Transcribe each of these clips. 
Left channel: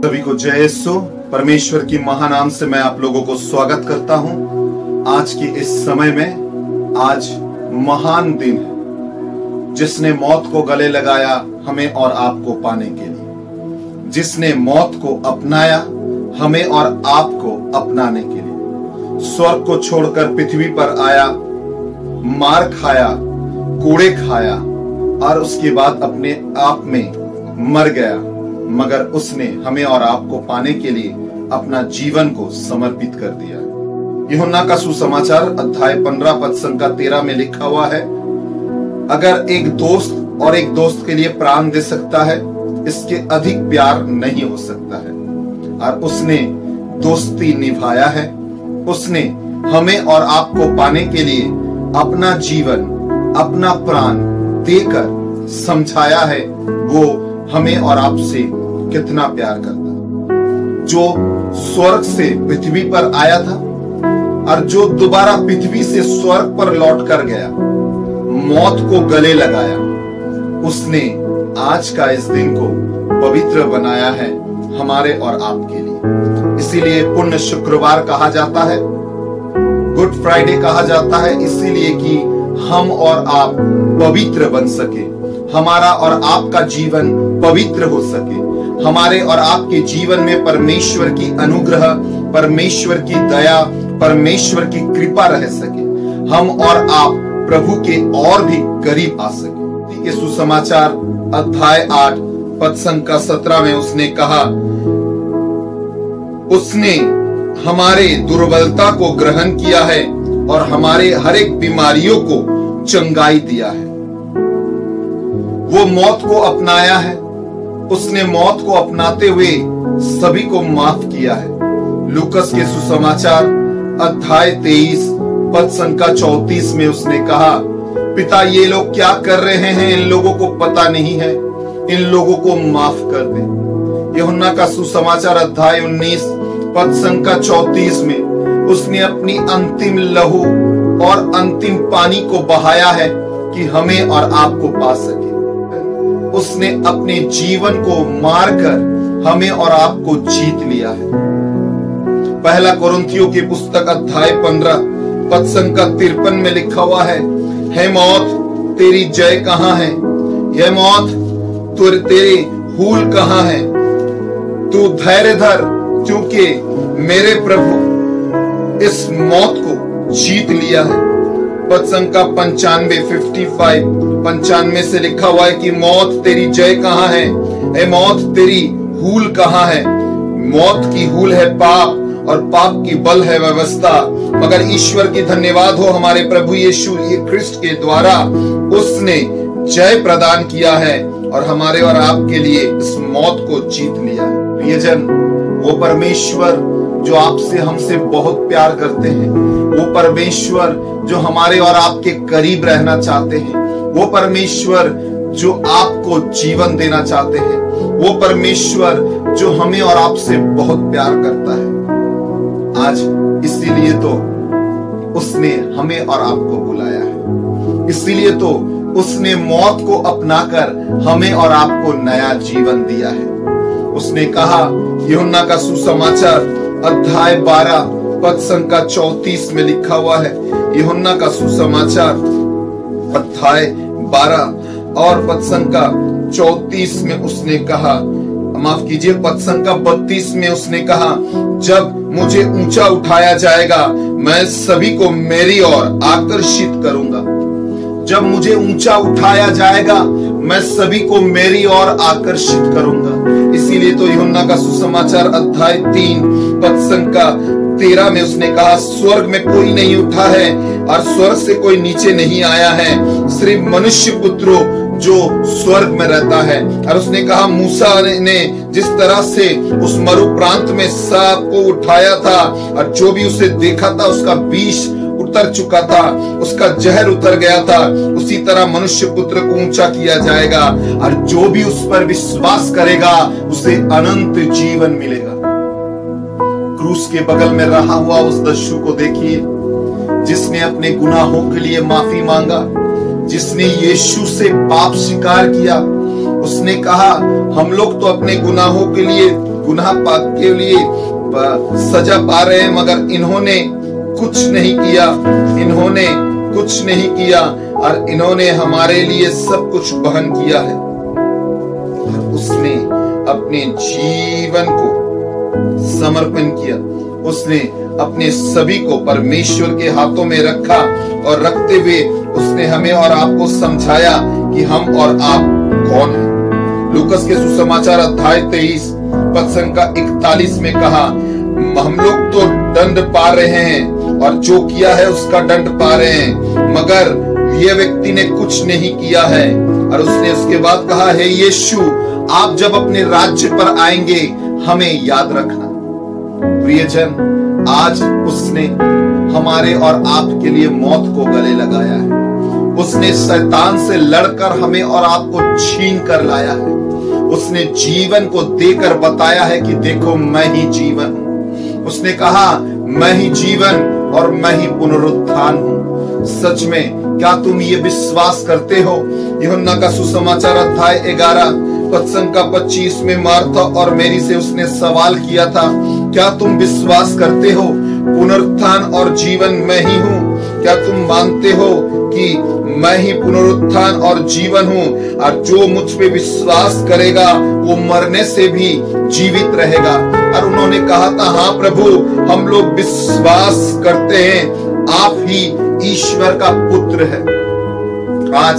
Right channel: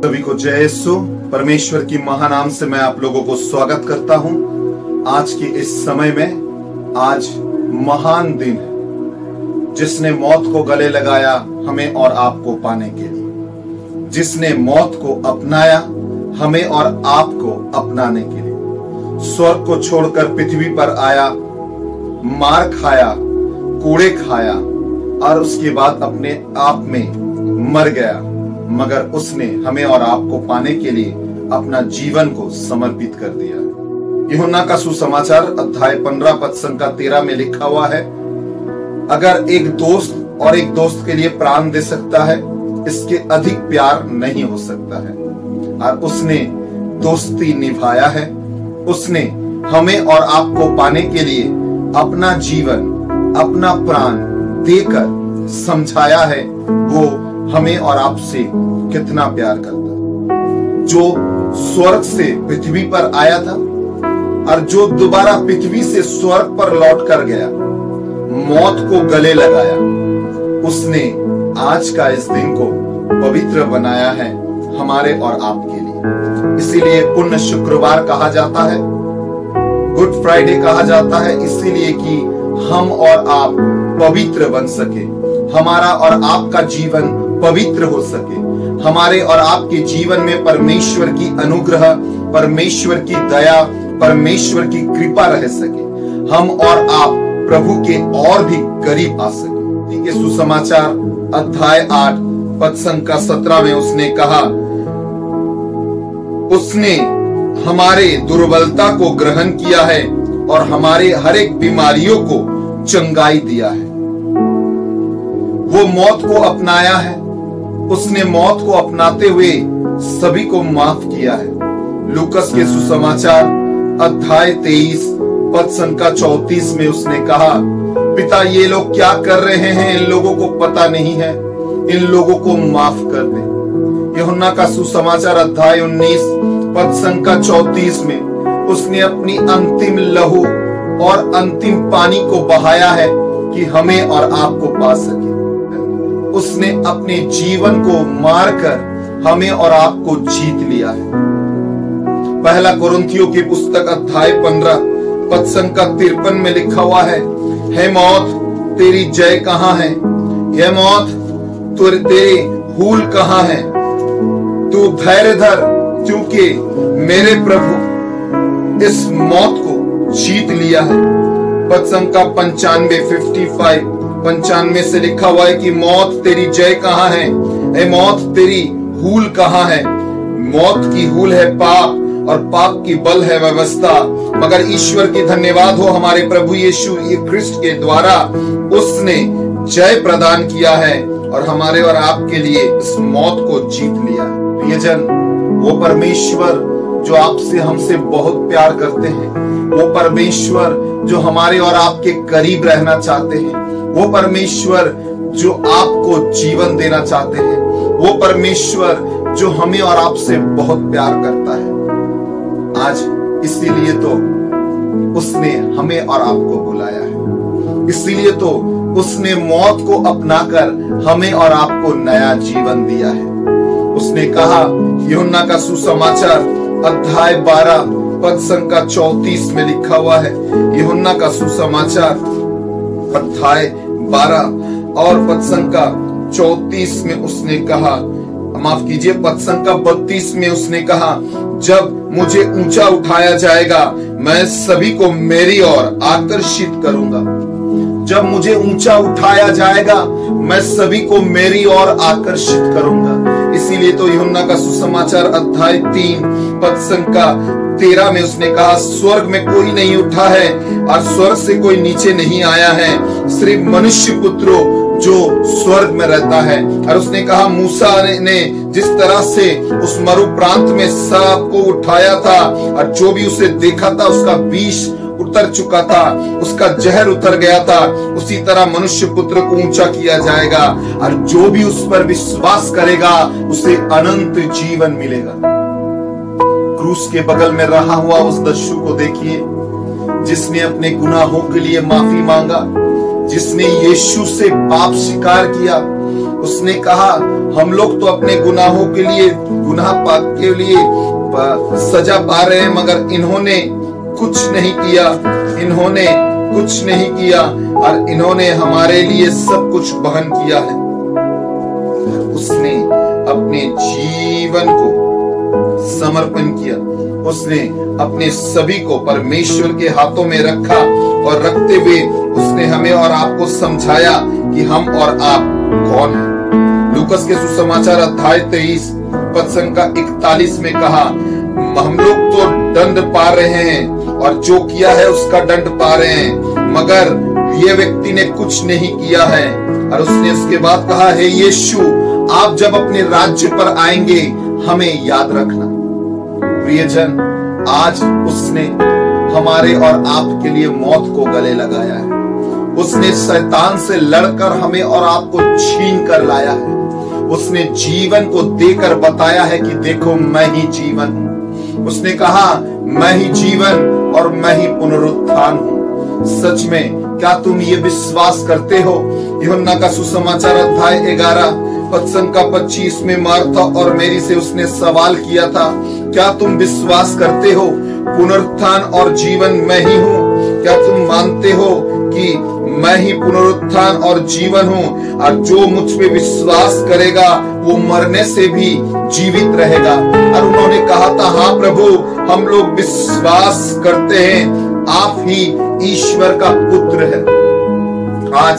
सभी को जय यीशु। परमेश्वर की महानाम से मैं आप लोगों को स्वागत करता हूं। आज के इस समय में आज महान दिन है, जिसने मौत को गले लगाया हमें और आपको पाने के लिए, जिसने मौत को अपनाया हमें और आपको अपनाने के लिए, स्वर्ग को छोड़कर पृथ्वी पर आया, मार खाया, कूड़े खाया और उसके बाद अपने आप में मर गया, मगर उसने हमें और आपको पाने के लिए अपना जीवन को समर्पित कर दिया। यूहन्ना का सुसमाचार अध्याय 15 पद संख्या 13 में लिखा हुआ है, अगर एक दोस्त और एक दोस्त के लिए प्राण दे सकता है, इसके अधिक प्यार नहीं हो सकता है। और उसने दोस्ती निभाया है, उसने हमें और आपको पाने के लिए अपना जीवन, अपना प्राण देकर समझाया है वो हमें और आपसे कितना प्यार करता है। जो स्वर्ग से पृथ्वी पर आया था और जो दोबारा पृथ्वी से स्वर्ग पर लौट कर गया, मौत को गले लगाया, उसने आज का इस दिन को पवित्र बनाया है हमारे और आपके लिए। इसीलिए पुण्य शुक्रवार कहा जाता है, गुड फ्राइडे कहा जाता है, इसीलिए कि हम और आप पवित्र बन सके, हमारा और आपका जीवन पवित्र हो सके, हमारे और आपके जीवन में परमेश्वर की अनुग्रह, परमेश्वर की दया, परमेश्वर की कृपा रह सके, हम और आप प्रभु के और भी करीब आ सके। के सुसमाचार अध्याय 8 पद संख्या 17 में उसने कहा, उसने हमारे दुर्बलता को ग्रहण किया है और हमारे हर एक बीमारियों को चंगाई दिया है। वो मौत को अपनाया है, उसने मौत को अपनाते हुए सभी को माफ किया है। लूकस के सुसमाचार अध्याय 23 पद संख्या 34 में उसने कहा, पिता ये लोग क्या कर रहे हैं, इन लोगों को पता नहीं है, इन लोगों को माफ कर दे। यूहन्ना का सुसमाचार अध्याय 19 पद संख्या 34 में उसने अपनी अंतिम लहू और अंतिम पानी को बहाया है कि हमें और आपको पा सके। उसने अपने जीवन को मारकर हमें और आपको जीत लिया है। पहला कोरिन्थियों की पुस्तक अध्याय 15 पद संख्या 53 में लिखा हुआ है, हे मौत तेरी जय कहां है, हे मौत तेरे हूल कहां है, तू धैर्य धर, क्योंकि मेरे प्रभु इस मौत को जीत लिया है। पद संख्या 95 से लिखा हुआ है कि मौत तेरी जय कहां है, ए मौत तेरी हूल कहां है। मौत की हूल है पाप और पाप की बल है व्यवस्था, मगर ईश्वर की धन्यवाद हो हमारे प्रभु यीशु क्रिस्ट के द्वारा उसने जय प्रदान किया है और हमारे और आपके लिए इस मौत को जीत लिया है। प्रियजन, वो परमेश्वर जो आपसे हमसे बहुत प्यार करते हैं, वो परमेश्वर जो हमारे और आपके करीब रहना चाहते हैं, वो परमेश्वर जो आपको जीवन देना चाहते हैं, वो परमेश्वर जो हमें और आपसे बहुत प्यार करता है, आज इसीलिए तो उसने हमें और आपको बुलाया है, इसीलिए तो उसने मौत को अपनाकर हमें और आपको नया जीवन दिया है। उसने कहा, यूहन्ना का सुसमाचार अध्याय 12 पद संख्या 34 में लिखा हुआ है, यूहन्ना का सुसमाचार अध्याय 12 और पद संख्या 34 में उसने कहा, माफ कीजिए, पद संख्या 32 में उसने कहा, जब मुझे ऊंचा उठाया जाएगा मैं सभी को मेरी ओर आकर्षित करूंगा। जब मुझे ऊंचा उठाया जाएगा मैं सभी को मेरी ओर आकर्षित करूंगा। इसीलिए तो यूहन्ना का सुसमाचार अध्याय 3 पद संख्या 13 में उसने कहा, स्वर्ग में कोई नहीं उठा है और स्वर्ग से कोई नीचे नहीं आया है, सिर्फ मनुष्य पुत्रो जो स्वर्ग में रहता है। और उसने कहा, मूसा ने जिस तरह से उस मरु प्रांत में सांप को उठाया था और जो भी उसे देखा था उसका विष उतर चुका था, उसका जहर उतर गया था, उसी तरह मनुष्य पुत्र को ऊंचा किया जाएगा और जो भी उस पर विश्वास करेगा उसे अनंत जीवन मिलेगा। क्रूस के बगल में रहा हुआ उस दस्यु को देखिए, जिसने अपने गुनाहों के लिए माफी मांगा, जिसने यीशु से पाप स्वीकार किया, उसने कहा हम लोग तो अपने गुनाहों के लिए, गुनाह पाप के लिए सजा पा रहे हैं, मगर इन्होंने कुछ नहीं किया, इन्होंने कुछ नहीं किया और इन्होंने हमारे लिए सब कुछ बहन किया है। उसने अपने जीवन को समर्पण किया, उसने अपने सभी को परमेश्वर के हाथों में रखा और रखते हुए उसने हमें और आपको समझाया कि हम और आप कौन हैं। लूकस के सुसमाचार अध्याय 23 पद संख्या 41 में कहा, हम लोग तो दंड पा रहे हैं और जो किया है उसका दंड पा रहे हैं, मगर ये व्यक्ति ने कुछ नहीं किया है। और उसने उसके बाद कहा, हे यीशु, आप जब अपने राज्य पर आएंगे हमें याद रखना। प्रियजन, आज उसने हमारे और आपके लिए मौत को गले लगाया है। उसने शैतान से लड़कर हमें और आपको छीन कर लाया है। उसने जीवन को देकर बताया है कि देखो मैं ही जीवन हूं। उसने कहा मैं ही जीवन और मैं ही पुनरुत्थान हूं। सच में क्या तुम ये विश्वास करते हो? यूहन्ना का सुसमाचार अध्याय 11 पद संख्या 25 में मार्था और मेरी से उसने सवाल किया था, क्या तुम विश्वास करते हो पुनरुत्थान और जीवन मैं ही हूँ? क्या तुम मानते हो कि मैं ही पुनरुत्थान और जीवन हूँ और जो मुझ पे विश्वास करेगा वो मरने से भी जीवित रहेगा? और उन्होंने कहा था, हाँ प्रभु, हम लोग विश्वास करते हैं आप ही ईश्वर का पुत्र है। आज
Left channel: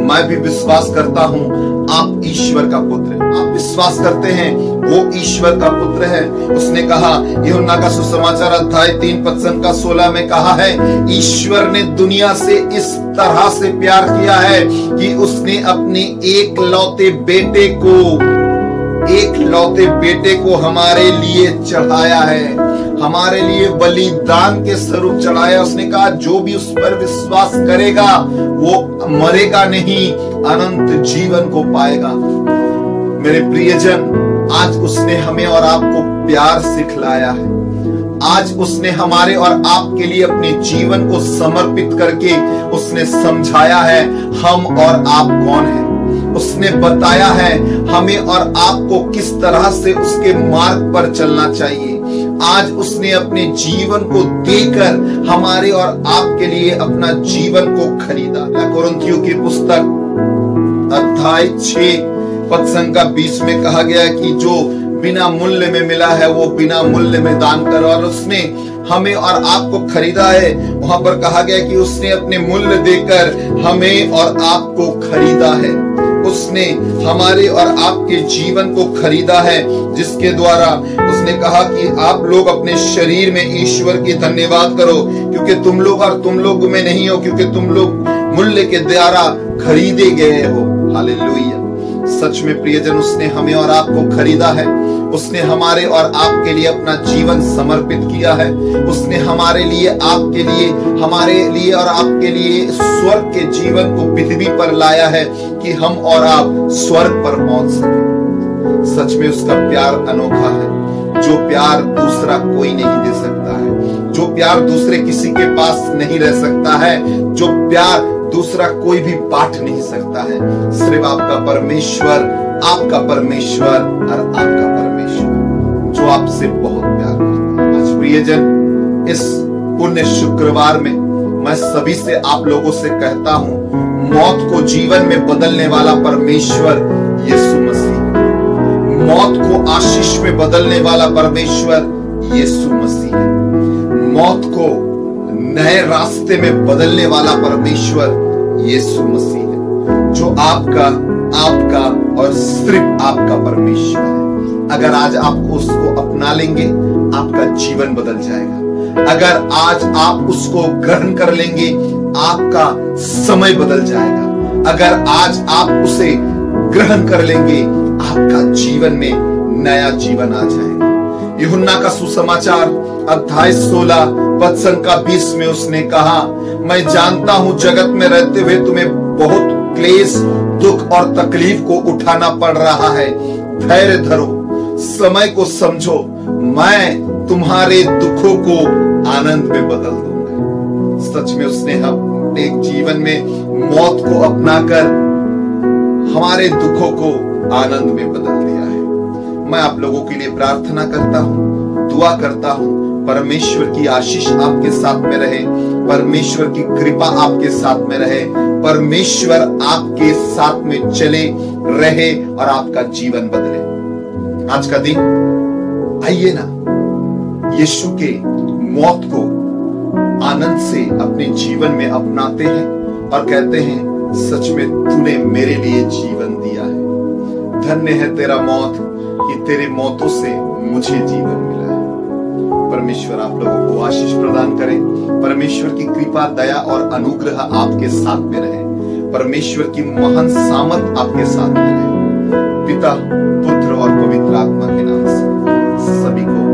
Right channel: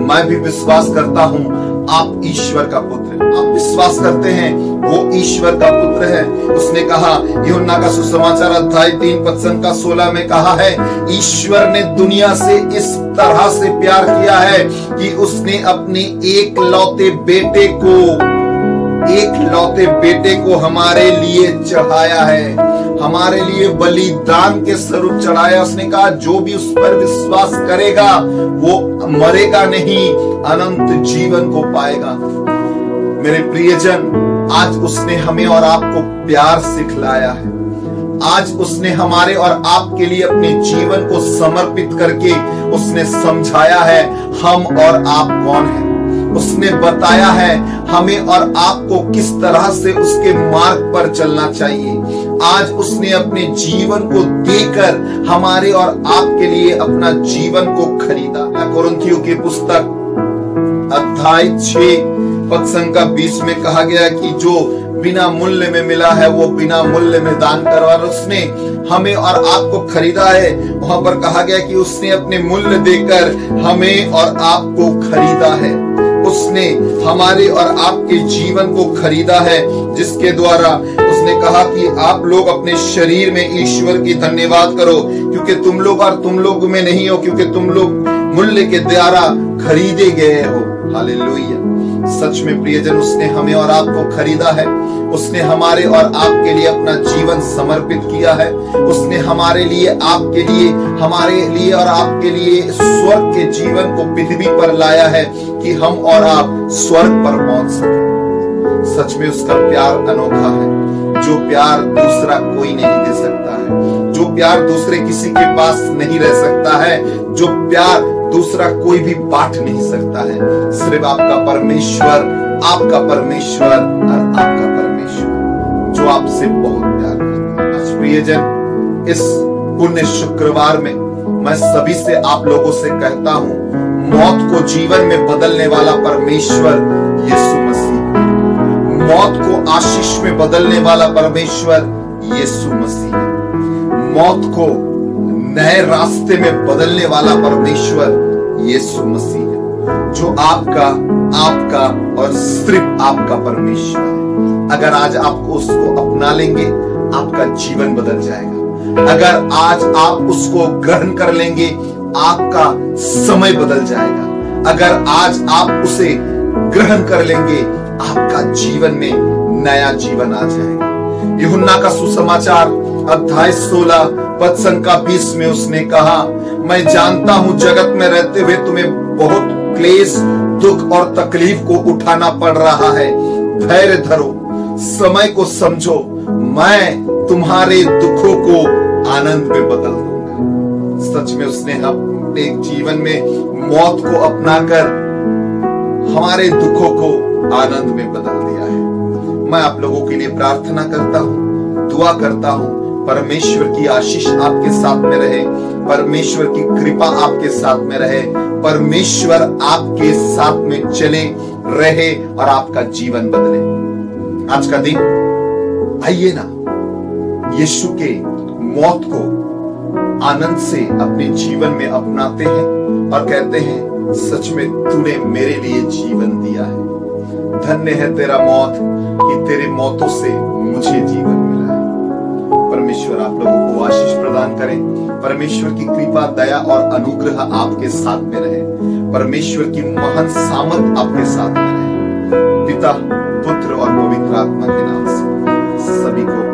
मैं भी विश्वास करता हूँ आप ईश्वर का पुत्र है। आप विश्वास करते हैं वो ईश्वर का पुत्र है। उसने कहा, यूहन्ना का सुसमाचार अध्याय 3 पद संख्या 16 में कहा है, ईश्वर ने दुनिया से इस तरह से प्यार किया है कि उसने अपने एक लौते बेटे को हमारे लिए चढ़ाया है, हमारे लिए बलिदान के स्वरूप चढ़ाया। उसने कहा जो भी उस पर विश्वास करेगा वो मरेगा नहीं, अनंत जीवन को पाएगा। मेरे प्रियजन, आज उसने हमें और आपको प्यार सिखलाया है। आज उसने हमारे और आपके लिए अपने जीवन को समर्पित करके उसने समझाया है हम और आप कौन हैं। उसने बताया है हमें और आपको किस तरह से उसके मार्ग पर चलना चाहिए। आज उसने अपने जीवन को देकर हमारे और आपके लिए अपना जीवन को खरीदा। कोरिन्थियों की पुस्तक अध्याय 6 पद संख्या 20 में कहा गया कि जो बिना मूल्य में मिला है वो बिना मूल्य में दान करो। और उसने हमें और आपको खरीदा है। वहां पर कहा गया कि उसने अपने मूल्य देकर हमें और आपको खरीदा है। उसने हमारे और आपके जीवन को खरीदा है, जिसके द्वारा उसने कहा कि आप लोग अपने शरीर में ईश्वर की धन्यवाद करो, क्योंकि तुम लोग और तुम लोग में नहीं हो, क्योंकि तुम लोग मूल्य के द्वारा खरीदे गए हो। हालेलुया। सच में प्रियजन, उसने हमें और आपको खरीदा है। उसने हमारे और आपके लिए अपना जीवन समर्पित किया है। उसने हमारे लिए, आपके लिए, हमारे लिए और आपके लिए स्वर्ग के जीवन को पृथ्वी पर लाया है कि हम और आप स्वर्ग पर पहुंच सके। सच में उसका प्यार अनोखा है, जो प्यार दूसरा कोई नहीं दे सकता है, जो प्यार दूसरे किसी के पास नहीं रह सकता है, जो प्यार दूसरा कोई भी बांट नहीं सकता है। सिर्फ आपका परमेश्वर, आपका परमेश्वर और आपका परमेश्वर, जो आपसे बहुत प्यार करता है। आज प्रियजन, इस पुण्य शुक्रवार में मैं सभी से, आप लोगों से कहता हूं, मौत को जीवन में बदलने वाला परमेश्वर यीशु मसीह है। मौत को आशीष में बदलने वाला परमेश्वर यीशु मसीह है। मौत को नए रास्ते में बदलने वाला परमेश्वर यीशु मसीह है, जो आपका और सिर्फ आपका परमेश्वर है। अगर आज आप उसको अपना लेंगे, आपका जीवन बदल जाएगा। अगर आज आप उसको ग्रहण कर लेंगे, आपका समय बदल जाएगा। अगर आज आप उसे ग्रहण कर लेंगे, आपका जीवन में नया जीवन आ जाएगा। यूहन्ना का सुसमाचार अध्याय 16 पद संख्या 20 में उसने कहा, मैं जानता हूं जगत में रहते हुए तुम्हें बहुत क्लेश, दुख और तकलीफ को उठाना पड़ रहा है। धैर्य धरो, समय को समझो, मैं तुम्हारे दुखों को आनंद में बदल दूंगा। सच में उसने अपने जीवन में मौत को अपनाकर हमारे दुखों को आनंद में बदल दिया है। मैं आप लोगों के लिए प्रार्थना करता हूं, दुआ करता हूं, परमेश्वर की आशीष आपके साथ में रहे, परमेश्वर की कृपा आपके साथ में रहे, परमेश्वर आपके साथ में चले रहे और आपका जीवन बदले। आज का दिन आइए ना यीशु के मौत को आनंद से अपने जीवन में अपनाते हैं और कहते हैं सच में तूने मेरे लिए जीवन दिया है। धन्य है तेरा मौत कि तेरे मौतों से मुझे जीवन मिला है। परमेश्वर आप लोगों को आशीष प्रदान करे। परमेश्वर की कृपा, दया और अनुग्रह आपके साथ में रहे। परमेश्वर की महान सामर्थ आपके साथ में रहे। पिता, पुत्र और पवित्र आत्मा के नाम से सभी को